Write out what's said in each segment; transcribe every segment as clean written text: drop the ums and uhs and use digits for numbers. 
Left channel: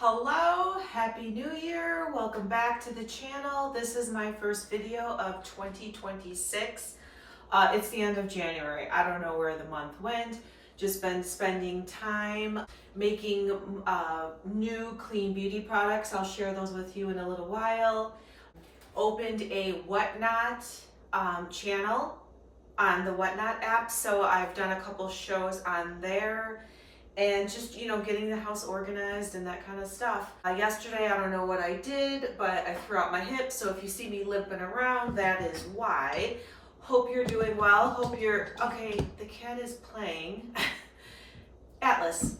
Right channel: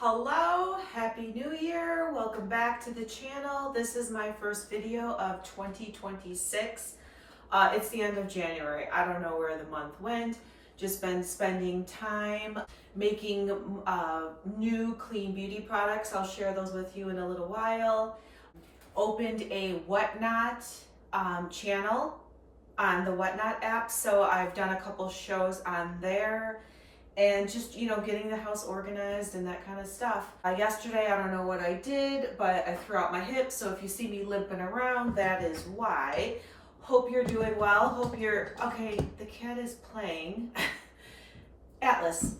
Hello, Happy New Year. Welcome back to the channel. This is my first video of 2026. It's the end of January. I don't know where the month went. Just been spending time making new clean beauty products. I'll share those with you in a little while. Opened a Whatnot channel on the Whatnot app. So I've done a couple shows on there. And just, getting the house organized and that kind of stuff. Yesterday, I don't know what I did, but I threw out my hips. So if you see me limping around, that is why. Hope you're doing well. Okay, the cat is playing. Atlas,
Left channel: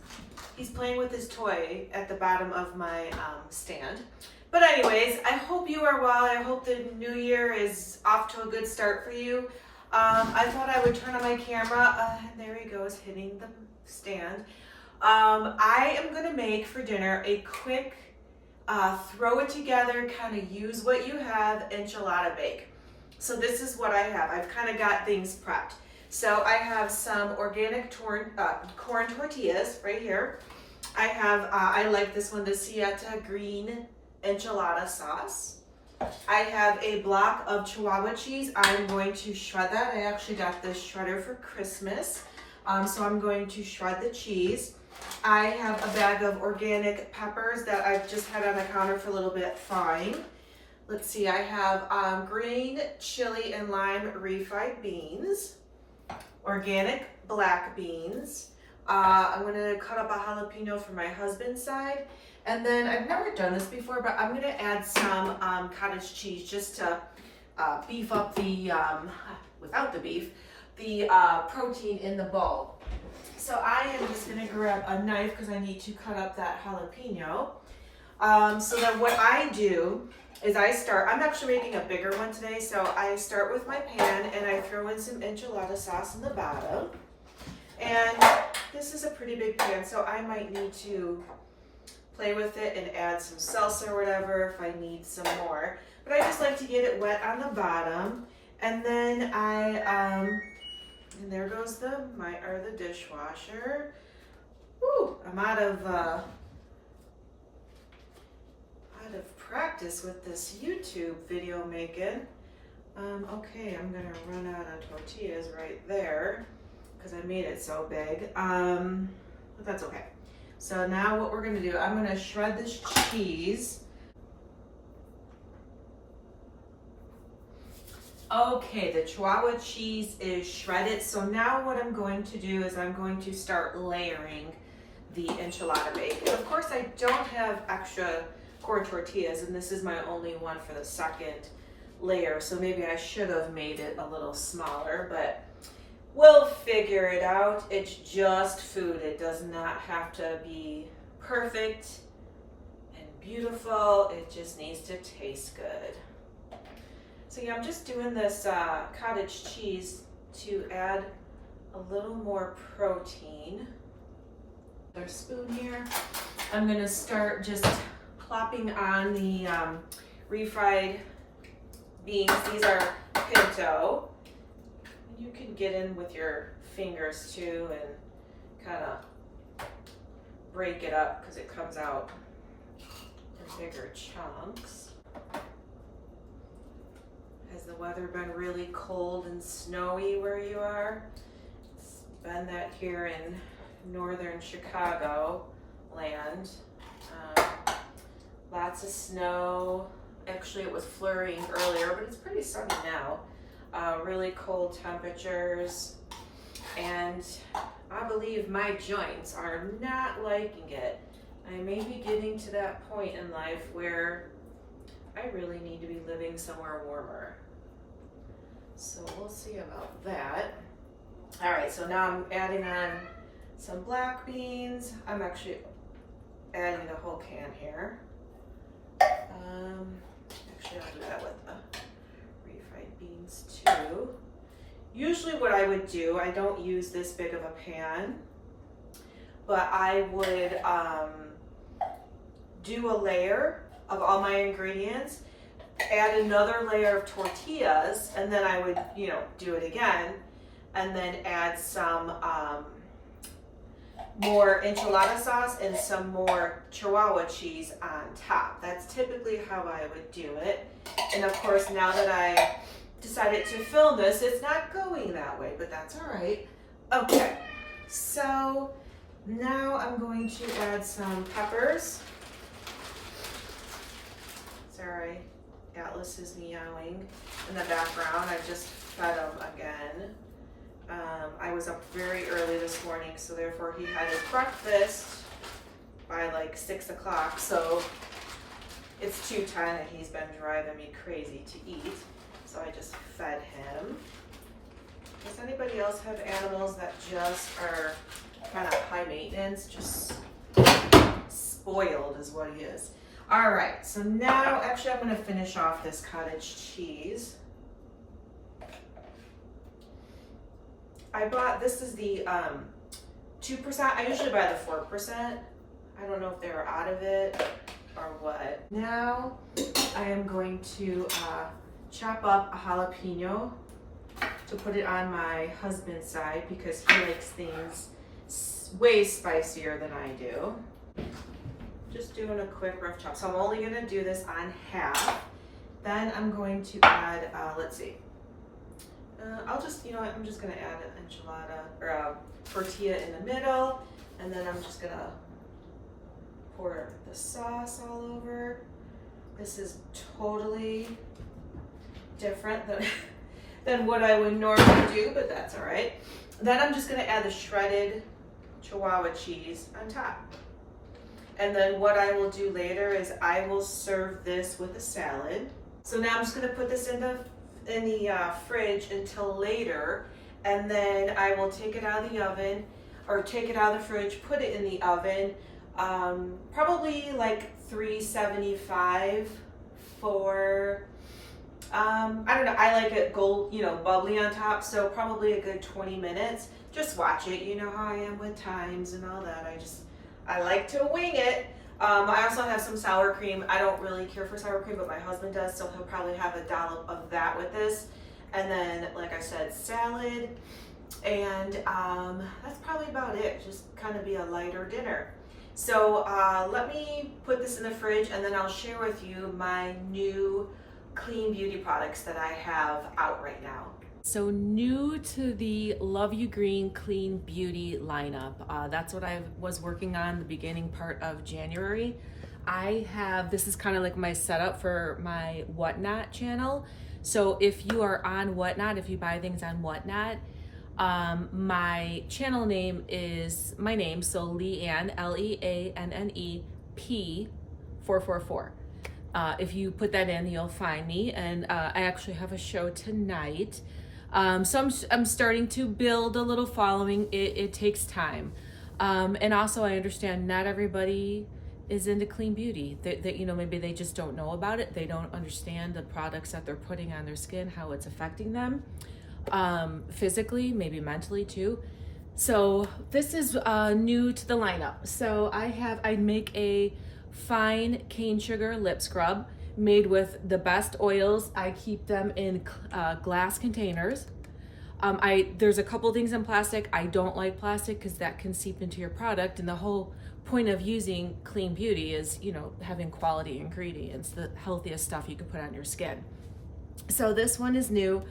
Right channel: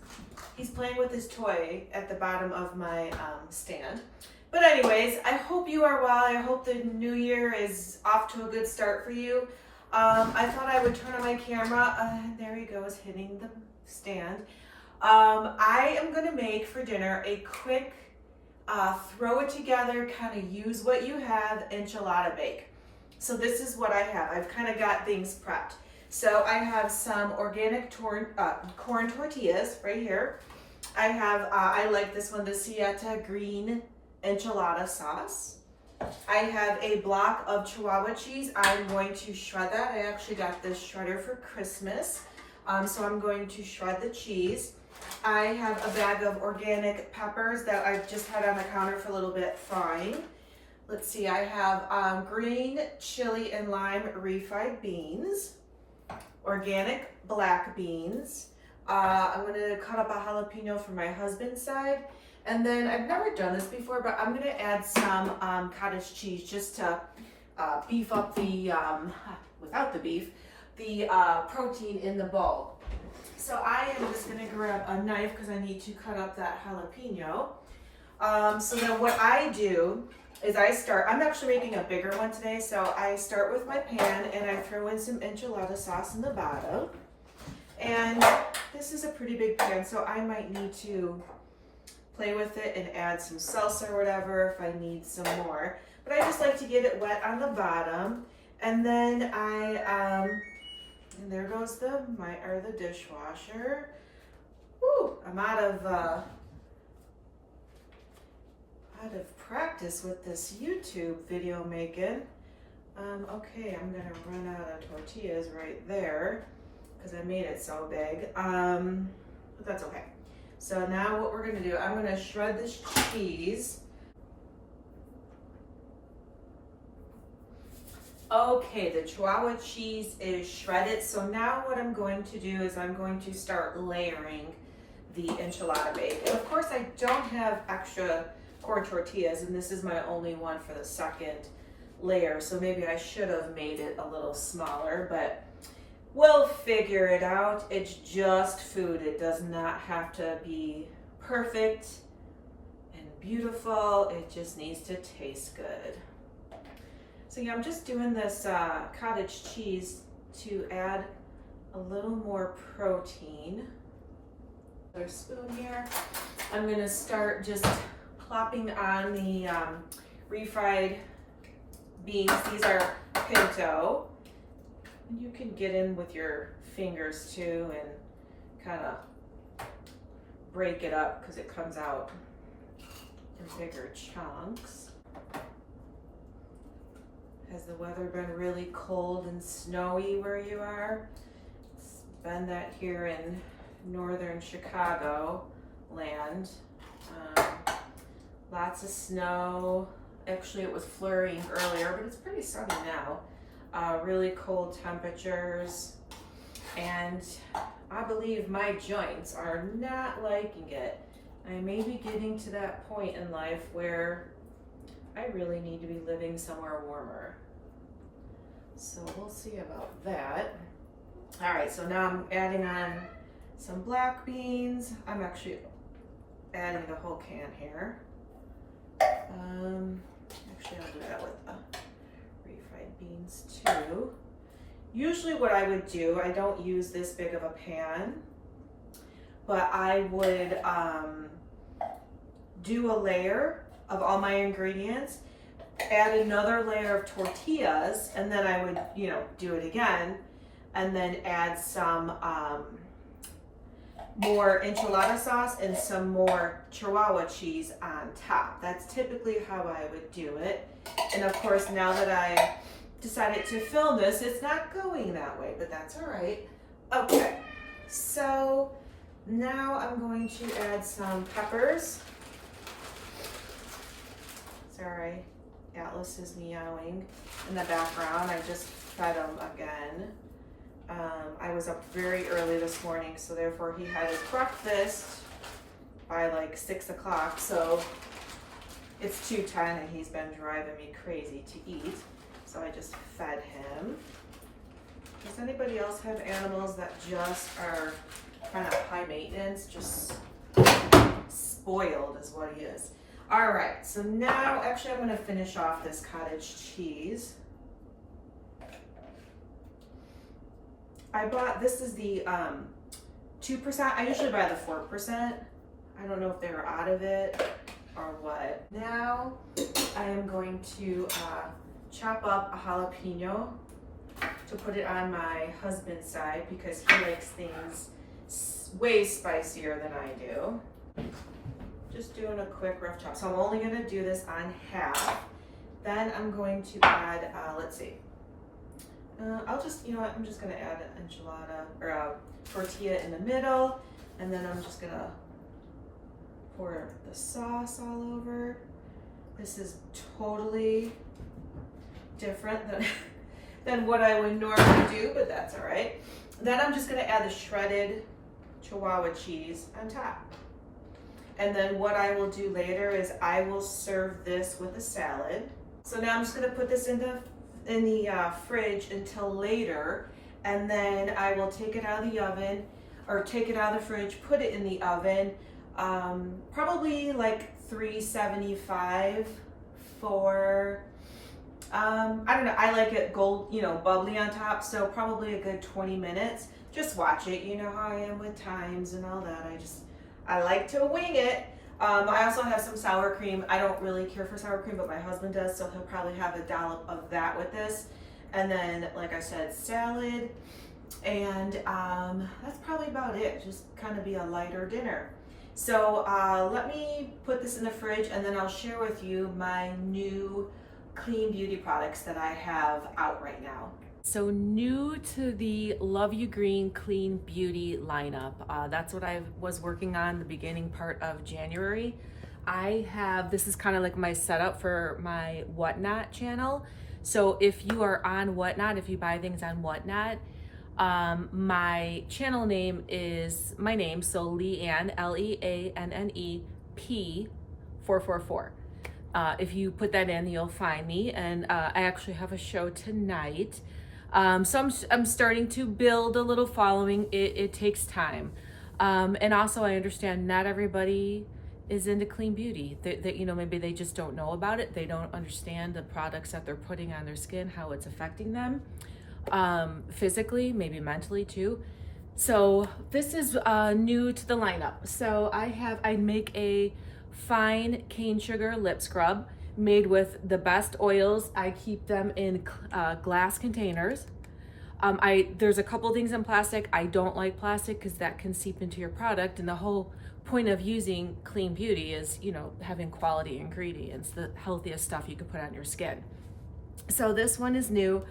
he's playing with his toy at the bottom of my stand. But anyways, I hope you are well. I hope the new year is off to a good start for you. I thought I would turn on my camera. There he goes, hitting the stand. I am going to make for dinner a quick, throw it together, kind of use what you have, enchilada bake. So this is what I have. I've kind of got things prepped. So I have some organic corn tortillas right here. I have, I like this one, the Sieta green enchilada sauce. I have a block of Chihuahua cheese. I'm going to shred that. I actually got this shredder for Christmas. So I'm going to shred the cheese. I have a bag of organic peppers that I've just had on the counter for a little bit thawing. Let's see, I have green chili and lime refried beans, organic black beans. I'm gonna cut up a jalapeno for my husband's side. And then I've never done this before, but I'm gonna add some cottage cheese just to beef up the, without the beef, the protein in the bowl. So I am just gonna grab a knife because I need to cut up that jalapeno. So then what I do is I'm actually making a bigger one today. So I start with my pan and I throw in some enchilada sauce in the bottom. And this is a pretty big pan, so I might need to play with it and add some salsa or whatever if I need some more. But I just like to get it wet on the bottom. And then and there goes the dishwasher. Woo, I'm out of practice with this YouTube video making. Okay, I'm gonna run out of tortillas right there because I made it so big. But that's okay. So now what we're gonna do, I'm gonna shred this cheese. Okay, the Chihuahua cheese is shredded. So now what I'm going to do is I'm going to start layering the enchilada bake. And of course I don't have extra corn tortillas, and this is my only one for the second layer. So maybe I should have made it a little smaller, but we'll figure it out. It's just food. It does not have to be perfect and beautiful. It just needs to taste good. So yeah, I'm just doing this cottage cheese to add a little more protein. Another spoon here. I'm gonna start just plopping on the refried beans. These are pinto. And you can get in with your fingers too and kind of break it up because it comes out in bigger chunks. Has the weather been really cold and snowy where you are? It's been that here in northern Chicago land. Lots of snow. Actually, it was flurrying earlier, but it's pretty sunny now. Really cold temperatures. And I believe my joints are not liking it. I may be getting to that point in life where I really need to be living somewhere warmer. So we'll see about that. All right, so now I'm adding on some black beans. I'm actually adding the whole can here. Actually, I'll do that with the refried beans too. Usually what I would do, I don't use this big of a pan, but I would do a layer of all my ingredients, add another layer of tortillas, and then I would, do it again, and then add some more enchilada sauce and some more Chihuahua cheese on top. That's typically how I would do it. And of course, now that I decided to film this, it's not going that way, but that's all right. Okay, so now I'm going to add some peppers. Sorry, Atlas is meowing in the background. I just fed him again. I was up very early this morning, so therefore he had his breakfast by like 6 o'clock. So it's 2:10 and he's been driving me crazy to eat. So I just fed him. Does anybody else have animals that just are kind of high maintenance? Just spoiled is what he is. All right, so now actually I'm gonna finish off this cottage cheese. I bought, this is the 2%. I usually buy the 4%. I don't know if they were out of it or what. Now I am going to chop up a jalapeno to put it on my husband's side because he likes things way spicier than I do. Just doing a quick rough chop. So I'm only gonna do this on half. Then I'm going to add, let's see. I'll just, you know what, I'm just gonna add an enchilada or a tortilla in the middle, and then I'm just gonna pour the sauce all over. This is totally different than what I would normally do, but that's all right. Then I'm just gonna add the shredded Chihuahua cheese on top. And then what I will do later is I will serve this with a salad. So now I'm just gonna put this in the fridge until later, and then I will take it out of the oven, or take it out of the fridge, put it in the oven, probably like 375 for, I don't know, I like it gold, you know, bubbly on top, so probably a good 20 minutes. Just watch it, you know how I am with times and all that. I like to wing it. I also have some sour cream. I don't really care for sour cream, but my husband does, so he'll probably have a dollop of that with this. And then, like I said, salad, and that's probably about it. Just kind of be a lighter dinner. So let me put this in the fridge, and then I'll share with you my new clean beauty products that I have out right now. So new to the Love You Green Clean Beauty lineup. That's what I was working on the beginning part of January. This is kind of like my setup for my Whatnot channel. So if you are on Whatnot, if you buy things on Whatnot, my channel name is my name, so Leanne, Leanne P 444. If you put that in, you'll find me, and I actually have a show tonight. So I'm starting to build a little following. It takes time. And also I understand not everybody is into clean beauty. That you know, maybe they just don't know about it. They don't understand the products that they're putting on their skin, how it's affecting them, physically, maybe mentally too. So this is new to the lineup. So I make a fine cane sugar lip scrub made with the best oils. I keep them in glass containers. There's a couple things in plastic. I don't like plastic because that can seep into your product, and the whole point of using clean beauty is, you know, having quality ingredients, the healthiest stuff you can put on your skin. So this one is new.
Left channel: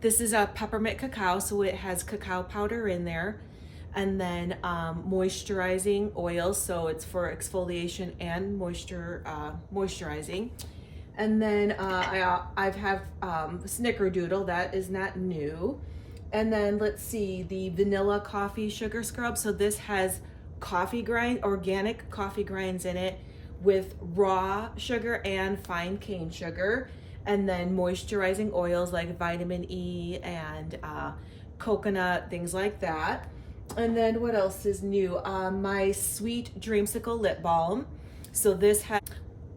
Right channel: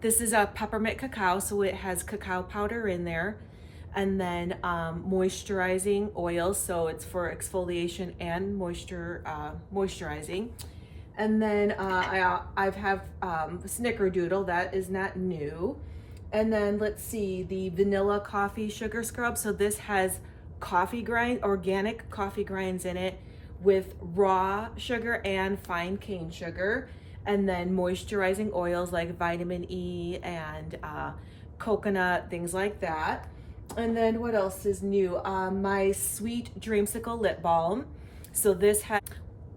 This is a peppermint cacao, so it has cacao powder in there, and then moisturizing oils, so it's for exfoliation and moisturizing. And then I have Snickerdoodle, that is not new. And then let's see, the vanilla coffee sugar scrub. So this has organic coffee grinds in it with raw sugar and fine cane sugar. And then moisturizing oils like vitamin E and coconut, things like that. And then what else is new? My Sweet Dreamsicle lip balm. So this has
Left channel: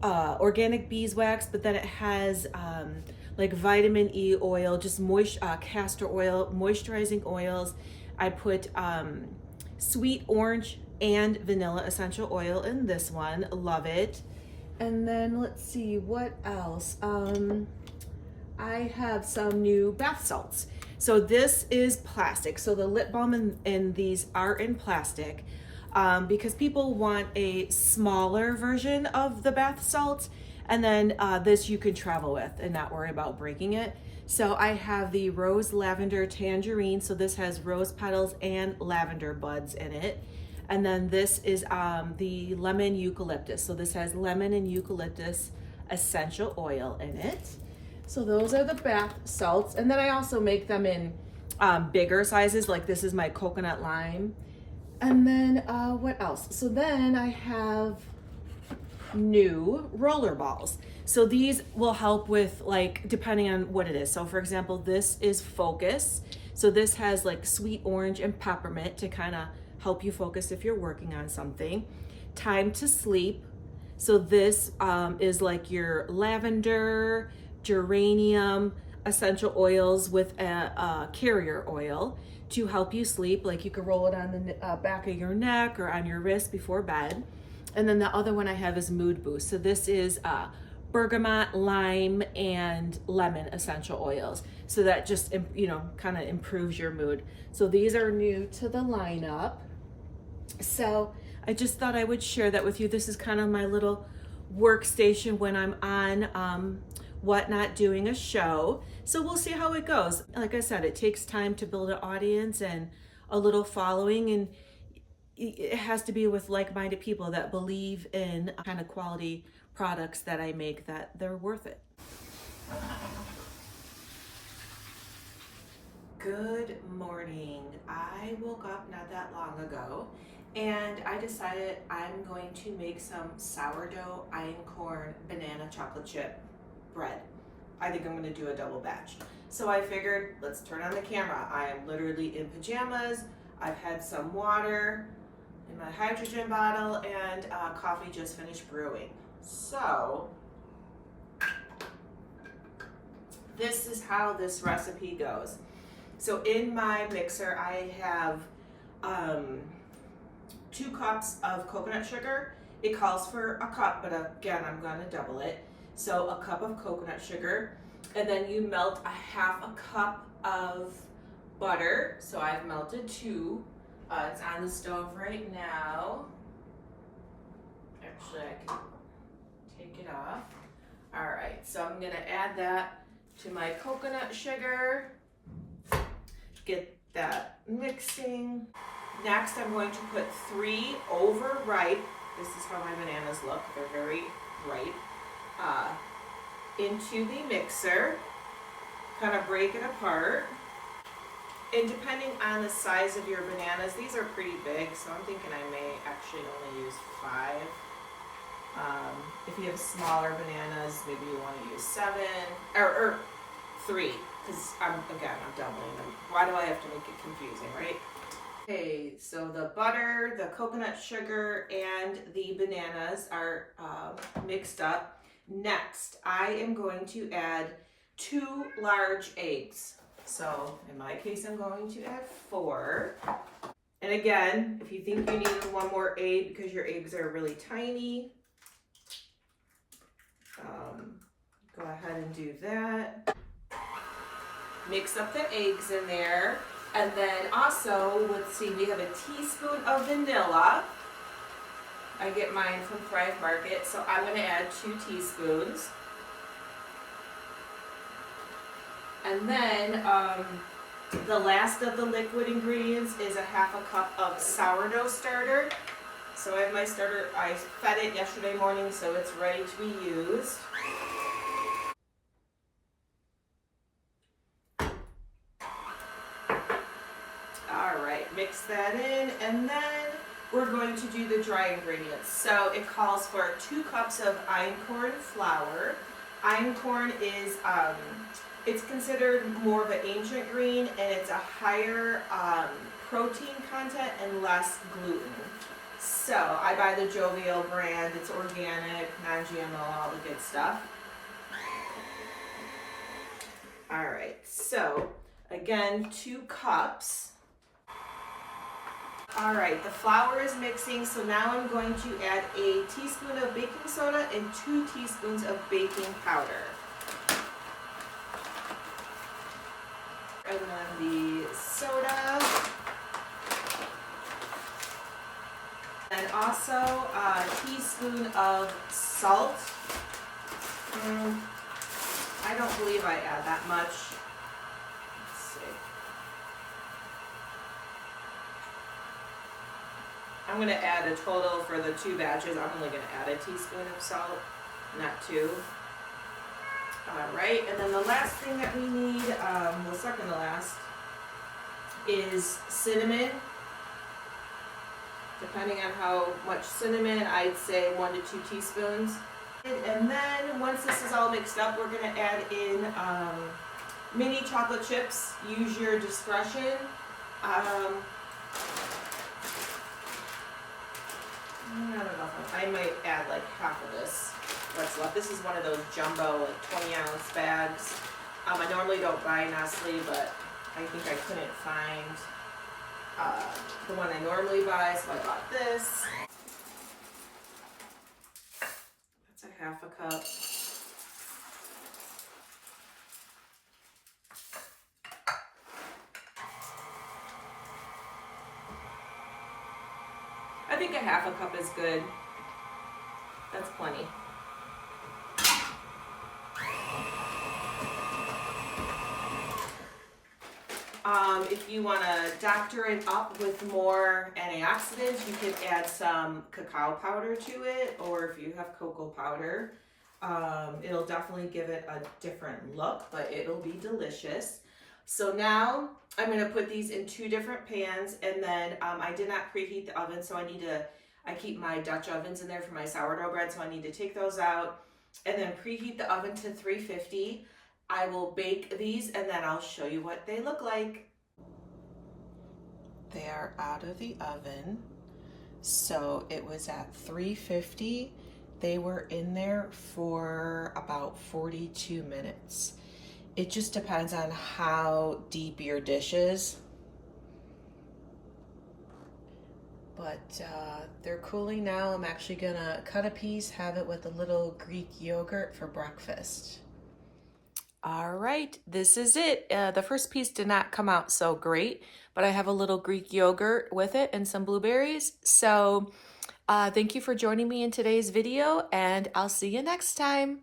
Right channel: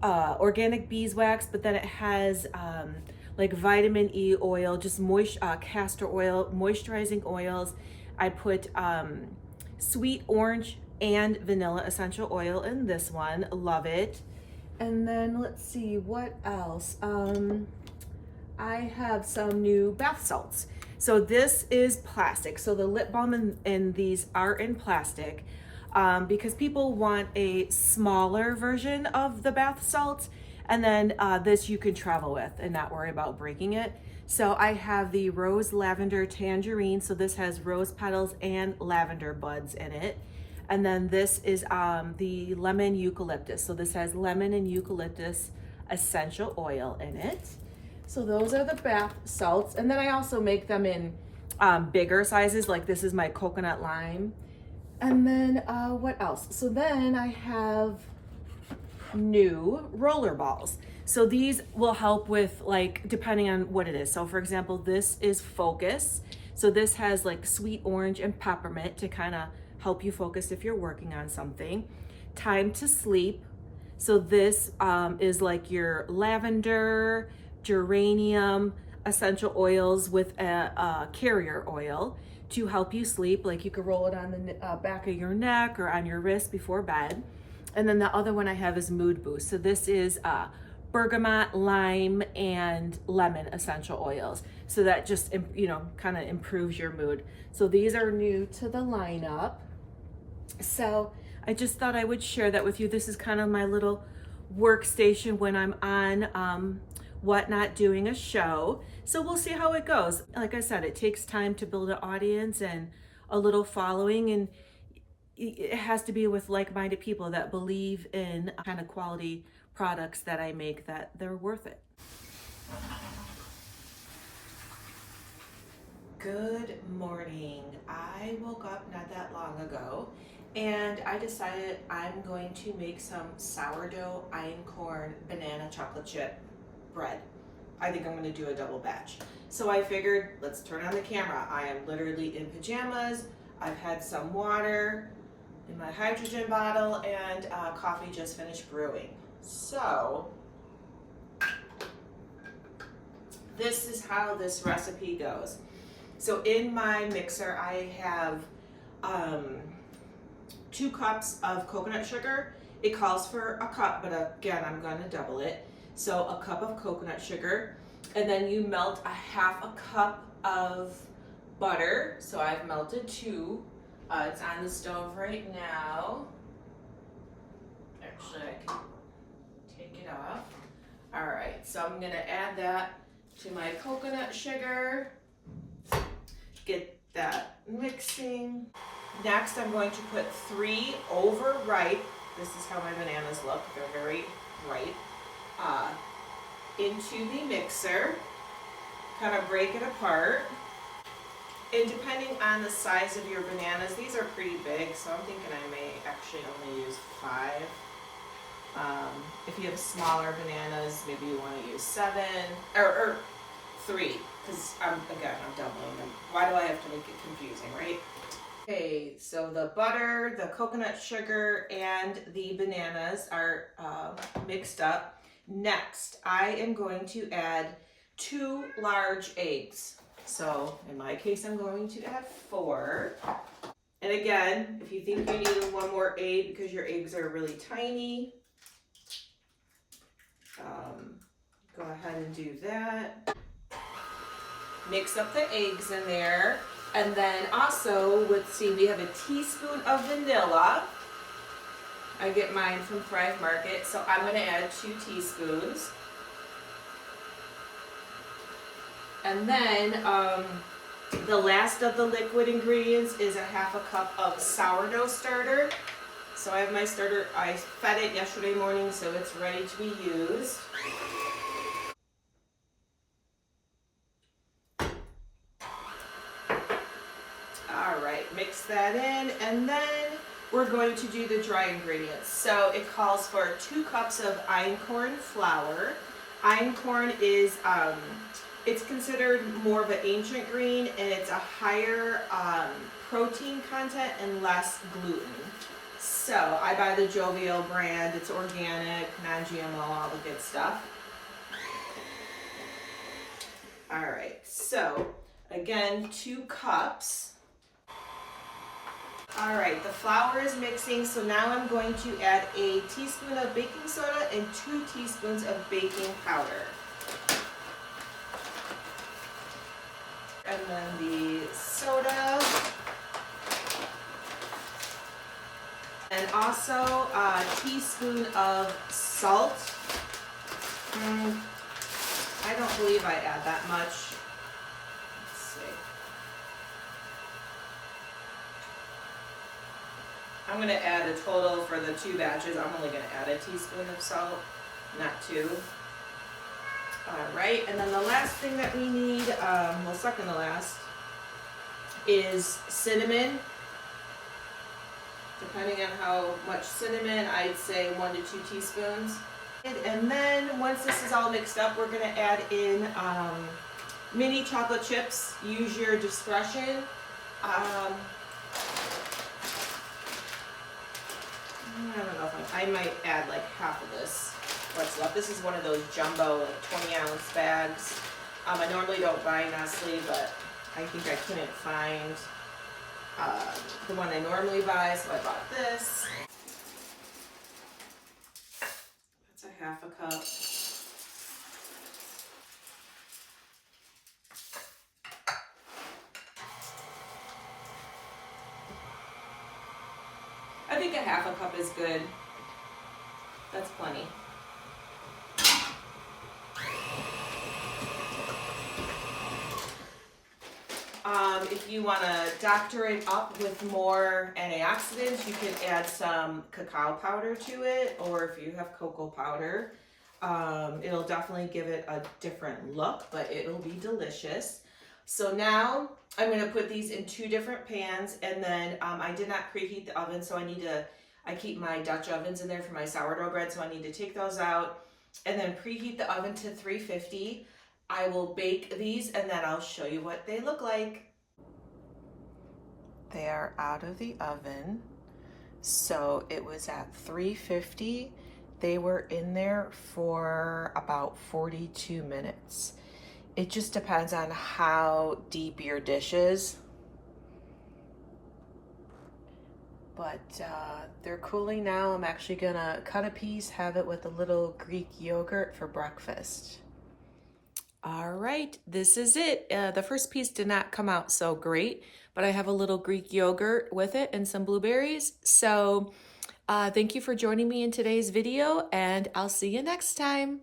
organic beeswax, but then it has like vitamin E oil, just castor oil, moisturizing oils. I put sweet orange and vanilla essential oil in this one. Love it. And then let's see what else. I have some new bath salts. So this is plastic. So the lip balm and these are in plastic. because people want a smaller version of the bath salts, and then this you can travel with and not worry about breaking it. So I have the Rose Lavender Tangerine. So this has rose petals and lavender buds in it. And then this is the Lemon Eucalyptus. So this has lemon and eucalyptus essential oil in it. So those are the bath salts. And then I also make them in bigger sizes, like this is my coconut lime. And then what else? So then I have new roller balls. So these will help with, like, depending on what it is. So for example, this is focus. So this has like sweet orange and peppermint to kind of help you focus if you're working on something. Time to sleep. So this is like your lavender, geranium, essential oils with a carrier oil to help you sleep. Like you could roll it on the back of your neck or on your wrist before bed. And then the other one I have is Mood Boost. So this is bergamot, lime, and lemon essential oils. So that just, you know, kind of improves your mood. So these are new to the lineup. So I just thought I would share that with you. This is kind of my little workstation when I'm on Whatnot doing a show. So we'll see how it goes. Like I said, it takes time to build an audience and a little following, and it has to be with like-minded people that believe in kind of quality products that I make, that they're worth it. Good morning. I woke up not that long ago and I decided I'm going to make some sourdough einkorn banana chocolate chip bread. I think I'm going to do a double batch. So I figured, let's turn on the camera. I am literally in pajamas. I've had some water in my hydrogen bottle, and coffee just finished brewing. So this is how this recipe goes. So in my mixer, I have 2 cups of coconut sugar. It calls for a cup, but again, I'm gonna double it. So a cup of coconut sugar, and then you melt a half a cup of butter. So I've melted 2. It's on the stove right now. Actually, I can take it off. All right, so I'm gonna add that to my coconut sugar. Get that mixing. Next, I'm going to put 3 overripe, this is how my bananas look, they're very ripe, into the mixer. Kind of break it apart. And depending on the size of your bananas, these are pretty big, so I'm thinking I may actually only use 5. If you have smaller bananas, maybe you want to use 7 or 3, because I'm doubling them. Why do I have to make it confusing, right? Okay, so the butter, the coconut sugar, and the bananas are mixed up. Next, I am going to add 2 large eggs. So in my case, I'm going to add 4. And again, if you think you need 1 more egg because your eggs are really tiny, go ahead and do that. Mix up the eggs in there. And then also, we have a teaspoon of vanilla. I get mine from Thrive Market, so I'm going to add 2 teaspoons. And then the last of the liquid ingredients is a half a cup of sourdough starter. So I have my starter, I fed it yesterday morning, so it's ready to be used. All right, mix that in, and then we're going to do the dry ingredients. So it calls for 2 cups of einkorn flour. Einkorn is, it's considered more of an ancient green, and it's a higher protein content and less gluten. So I buy the Jovial brand. It's organic, non-GMO, all the good stuff. All right, so again, 2 cups. All right, the flour is mixing, so now I'm going to add a teaspoon of baking soda and 2 teaspoons of baking powder. And then the soda. also a teaspoon of salt. I don't believe I add that much. Let's see. I'm going to add a total for the 2 batches. I'm only going to add a teaspoon of salt, not 2. All right, and then the last thing that we need, well, second to last, is cinnamon. Depending on how much cinnamon, I'd say 1 to 2 teaspoons. And then once this is all mixed up, we're going to add in mini chocolate chips. Use your discretion. I don't know if I might add like half of this. What's left? This is one of those jumbo like 20-ounce bags. I normally don't buy Nestle, but I think I couldn't find the one I normally buy, so I bought this. That's a half a cup. I think a half a cup is good. That's plenty. If you want to doctor it up with more antioxidants, you could add some cacao powder to it, or if you have cocoa powder, it'll definitely give it a different look, but it'll be delicious. So now I'm going to put these in 2 different pans, and then I did not preheat the oven, so I keep my Dutch ovens in there for my sourdough bread, so I need to take those out and then preheat the oven to 350. I will bake these and then I'll show you what they look like. They are out of the oven. So it was at 350. They were in there for about 42 minutes. It just depends on how deep your dish is. But they're cooling now. I'm actually gonna cut a piece, have it with a little Greek yogurt for breakfast. All right, this is it. The first piece did not come out so great, but I have a little Greek yogurt with it and some blueberries. So thank you for joining me in today's video, and I'll see you next time.